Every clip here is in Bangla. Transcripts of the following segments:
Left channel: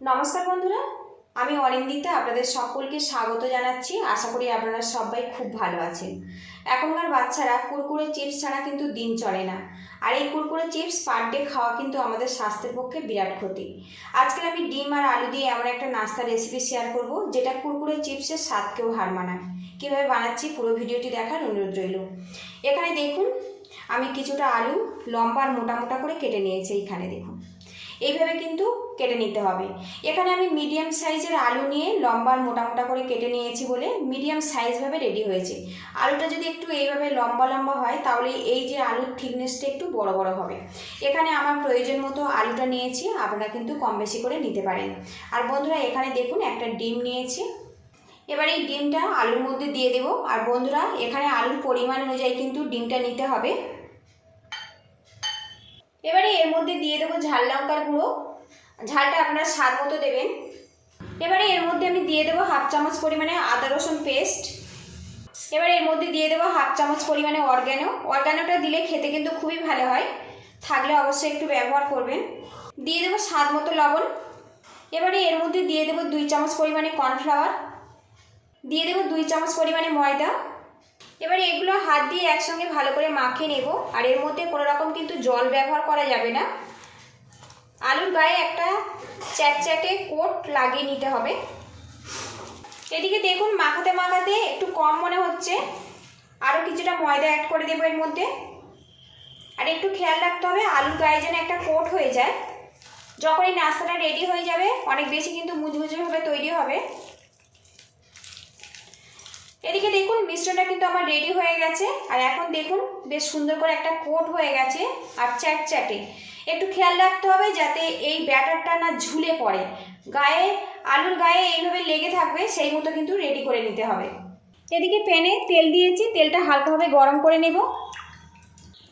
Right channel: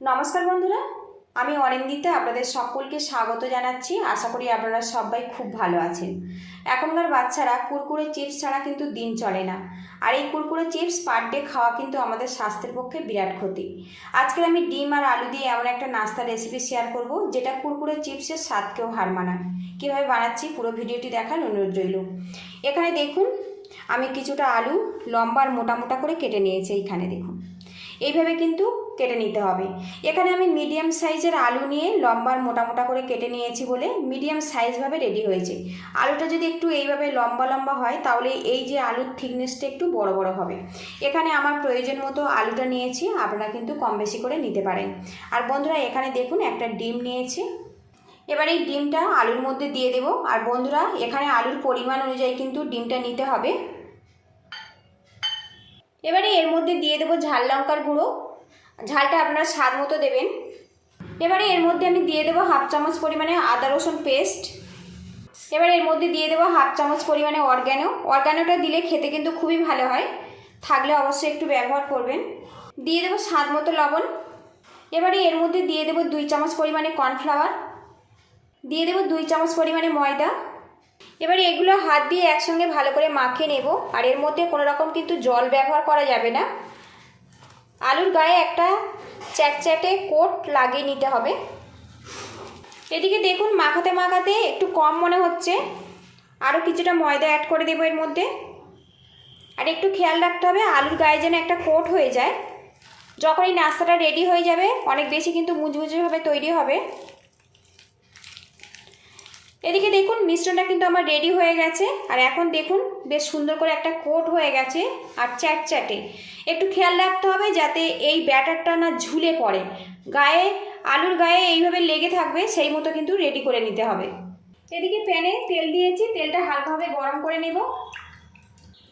নমস্কার বন্ধুরা, আমি অরিন্দিতা আপনাদের সকলকে স্বাগত জানাচ্ছি। আশা করি আপনারা সবাই খুব ভালো আছেন। এখনকার বাচ্চারা কুরকুরে চিপস ছাড়া কিন্তু দিন চলে না। আর এই কুরকুরে চিপস পার ডে খাওয়া কিন্তু আমাদের স্বাস্থ্যের পক্ষে বিরাট ক্ষতি। আজকে আমি ডিম আর আলু দিয়ে এমন একটা নাস্তা রেসিপি শেয়ার করব, যেটা কুরকুরে চিপসের স্বাদকেও হার মানায়। কীভাবে বানাচ্ছি পুরো ভিডিওটি দেখার অনুরোধ রইল। এখানে দেখুন, আমি কিছুটা আলু লম্বা আর মোটা মোটা করে কেটে নিয়েছি, এইখানে দেখুন। এইভাবে কিন্তু কেটে নিতে হবে। এখানে আমি মিডিয়াম সাইজের আলু নিয়ে লম্বা মোটা মোটা করে কেটে নিয়েছি বলে মিডিয়াম সাইজভাবে রেডি হয়েছে। আলুটা যদি একটু এইভাবে লম্বা লম্বা হয়, তাহলে এই যে আলুর থিকনেসটা একটু বড় বড় হবে। এখানে আমার প্রয়োজন মতো আলুটা নিয়েছি, আপনারা কিন্তু কম বেশি করে নিতে পারেন। আর বন্ধুরা, এখানে দেখুন একটা ডিম নিয়েছি। এবার এই ডিমটা আলুর মধ্যে দিয়ে দেবো। আর বন্ধুরা, এখানে আলুর পরিমাণ অনুযায়ী কিন্তু ডিমটা নিতে হবে। এবারে এর মধ্যে দিয়ে দেবো ঝাল লঙ্কার গুঁড়ো। ঝালটা আপনারা স্বাদ মতো দেবেন। এবারে এর মধ্যে আমি দিয়ে দেবো হাফ চামচ পরিমাণে আদা রসুন পেস্ট। এবারে এর মধ্যে দিয়ে দেবো হাফ চামচ পরিমাণে অর্গ্যানো। অর্গ্যানোটা দিলে খেতে কিন্তু খুবই ভালো হয়। থাকলে অবশ্যই একটু ব্যবহার করবেন। দিয়ে দেবো স্বাদ মতো লবণ। এবারে এর মধ্যে দিয়ে দেবো দুই চামচ পরিমাণে কর্নফ্লাওয়ার। দিয়ে দেবো দুই চামচ পরিমাণে ময়দা। এবারে এগুলো হাত দিয়ে একসঙ্গে ভালো করে মাখিয়ে নেব। আর এর মধ্যে কোনো রকম কিন্তু জল ব্যবহার করা যাবে না। আলুর গায়ে একটা চ্যাটচ্যাটে কোট লাগিয়ে নিতে হবে। এদিকে দেখুন মাখাতে মাখাতে একটু কম মনে হচ্ছে। আরও কিছুটা ময়দা অ্যাড করে দেবো এর মধ্যে। আর একটু খেয়াল রাখতে হবে আলুর গায়ে যেন একটা কোট হয়ে যায়। যখন এই নাস্তাটা রেডি হয়ে যাবে, অনেক বেশি কিন্তু মুচমুচেভাবে তৈরি হবে। এদিকে দেখুন, মিশ্রণটা কিন্তু আমার রেডি হয়ে গেছে। আর এখন দেখুন, বেশ সুন্দর করে একটা কোট হয়ে গেছে, আর চ্যাট চ্যাটে। একটু খেয়াল রাখতে হবে যাতে এই ব্যাটারটা না ঝুলে পড়ে। গায়ে, আলুর গায়ে এইভাবে লেগে থাকবে, সেই মতো কিন্তু রেডি করে নিতে হবে। এদিকে প্যানে তেল দিয়েছি, তেলটা হালকাভাবে গরম করে নেব।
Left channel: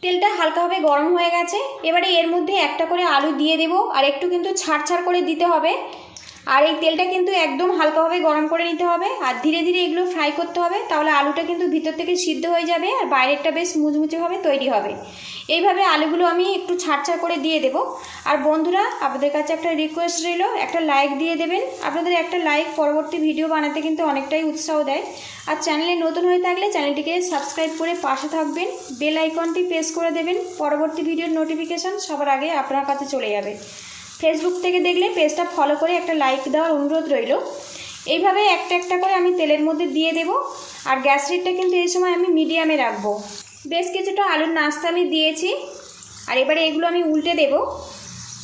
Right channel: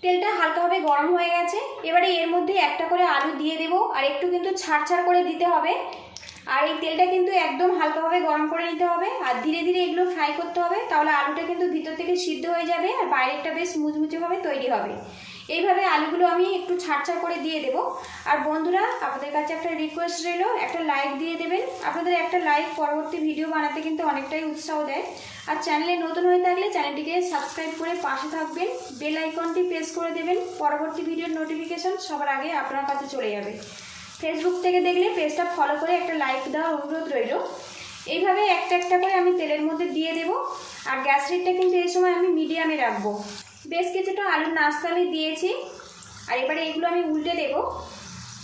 তেলটা হালকাভাবে গরম হয়ে গেছে। এবারে এর মধ্যে একটা করে আলু দিয়ে দেব, আর একটু কিন্তু ছাড় ছাড় করে দিতে হবে। আর এই তেলটা কিন্তু একদম হালকাভাবে গরম করে নিতে হবে। আর ধীরে ধীরে এগুলো ফ্রাই করতে হবে, তাহলে আলুটা কিন্তু ভিতর থেকে সিদ্ধ হয়ে যাবে আর বাইরেরটা বেশ মুচমুচেভাবে তৈরি হবে। এইভাবে আলুগুলো আমি একটু ছাড় ছাড় করে দিয়ে দেবো। আর বন্ধুরা, আপনাদের কাছে একটা রিকোয়েস্ট রইল, একটা লাইক দিয়ে দেবেন। আপনাদের একটা লাইক পরবর্তী ভিডিও বানাতে কিন্তু অনেকটাই উৎসাহ দেয়। আর চ্যানেলে নতুন হয়ে থাকলে চ্যানেলটিকে সাবস্ক্রাইব করে পাশে থাকবেন। বেল আইকনটি প্রেস করে দেবেন। পরবর্তী ভিডিওর নোটিফিকেশান সবার আগে আপনার কাছে চলে যাবে। ফেসবুক থেকে দেখলে পেজটা ফলো করে একটা লাইক দেওয়ার অনুরোধ রইল। এইভাবে একটা একটা করে আমি তেলের মধ্যে দিয়ে দেব। আর গ্যাস রেটটা কিন্তু এই সময় আমি মিডিয়ামে রাখব। বেশ কিছুটা আলুর নাস্তা আমি দিয়েছি। আর এবারে এগুলো আমি উল্টে দেব।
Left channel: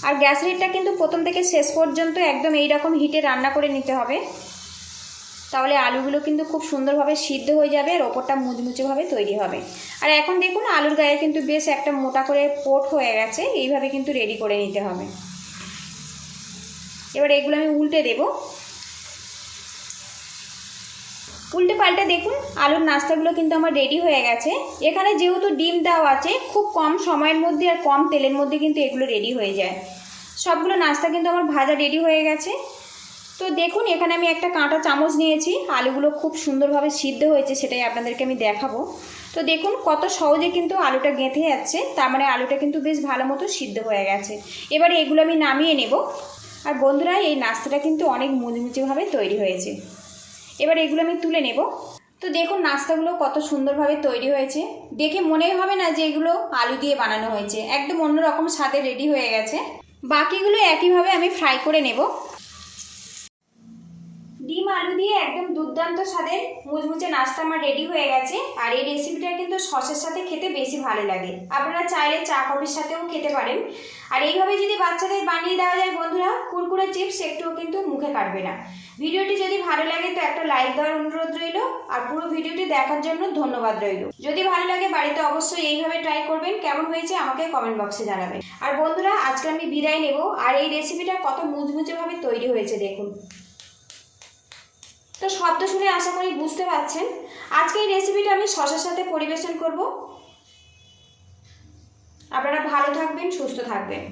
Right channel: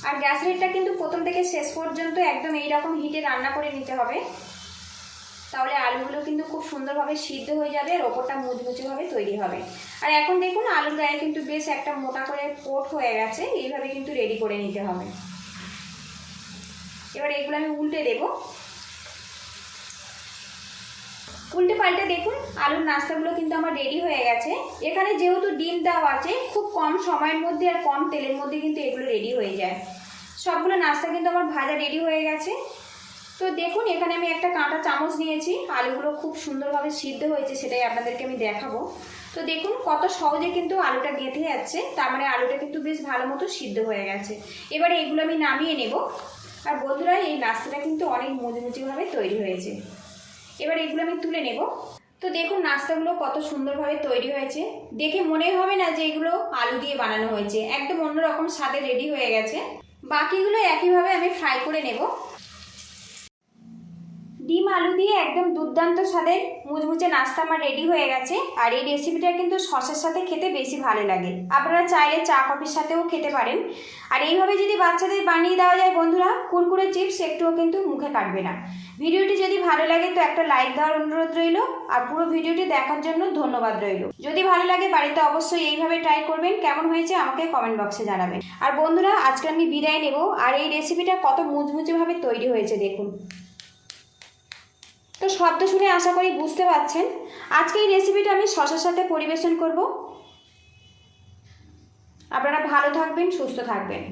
আর গ্যাস রেটটা কিন্তু প্রথম থেকে শেষ পর্যন্ত একদম এই রকম হিটে রান্না করে নিতে হবে। তাহলে আলুগুলো কিন্তু খুব সুন্দরভাবে সিদ্ধ হয়ে যাবে আর ওপরটা মুচমুচেভাবে তৈরি হবে। আর এখন দেখুন আলুর গায়ে কিন্তু বেশ একটা মোটা করে পোট হয়ে গেছে। এইভাবে কিন্তু রেডি করে নিতে হবে। এবার এগুলো আমি উল্টে দেব। উল্টে পাল্টে দেখুন, আলুর নাস্তাগুলো কিন্তু আমার রেডি হয়ে গেছে। এখানে যেহেতু ডিম দেওয়া আছে, খুব কম সময়ের মধ্যে আর কম তেলের মধ্যে কিন্তু এগুলো রেডি হয়ে যায়। সবগুলো নাস্তা কিন্তু আমার ভাজা রেডি হয়ে গেছে। তো দেখুন, এখানে আমি একটা কাঁটা চামচ নিয়েছি। আলুগুলো খুব সুন্দরভাবে সিদ্ধ হয়েছে, সেটাই আপনাদেরকে আমি দেখাবো। তো দেখুন, কত সহজে কিন্তু আলুটা গেঁথে যাচ্ছে। তার মানে আলুটা কিন্তু বেশ ভালো মতো সিদ্ধ হয়ে গেছে। এবারে এগুলো আমি নামিয়ে নেব। আর বন্ধুরা, এই নাস্তাটা কিন্তু অনেক মুচমুচেভাবে তৈরি হয়েছে। এবার এগুলো আমি তুলে নেব। তো দেখুন নাস্তাগুলো কত সুন্দরভাবে তৈরি হয়েছে। দেখে মনেই হবে না যে এগুলো আলু দিয়ে বানানো হয়েছে। একদম অন্যরকম স্বাদে রেডি হয়ে গেছে। বাকিগুলো একইভাবে আমি ফ্রাই করে নেব। ডিম আলু দিয়ে একদম দুর্দান্ত স্বাদের মুচমুচে নাস্তা আমার রেডি হয়ে গেছে। আর এই রেসিপিটা কিন্তু সসের সাথে খেতে বেশি ভালো লাগে। আপনারা চাইলে চা কফির সাথেও খেতে পারেন। আর এইভাবে যদি বাচ্চাদের বানিয়ে দেওয়া যায় বন্ধুরা, কুরকুরে চিপস একটুও কিন্তু মুখে কাটবে না। ভিডিওটি যদি ভালো লাগে তো একটা লাইক দেওয়ার অনুরোধ রইল। আর পুরো ভিডিওটি দেখার জন্য ধন্যবাদ রইল। যদি ভালো লাগে বাড়িতে অবশ্যই এইভাবে ট্রাই করবেন। কেমন হয়েছে আমাকে কমেন্ট বক্সে জানাবেন। আর বন্ধুরা, আজকে আমি বিদায় নেব। আর এই রেসিপিটা কত মুচমুচেভাবে তৈরি হয়েছে দেখুন। তো শব্দ শুনে আশা করি বুঝতে পারছেন। আজকে এই রেসিপিটা আমি শশার সাথে পরিবেশন করব। আপনারা ভালো থাকবেন, সুস্থ থাকবেন।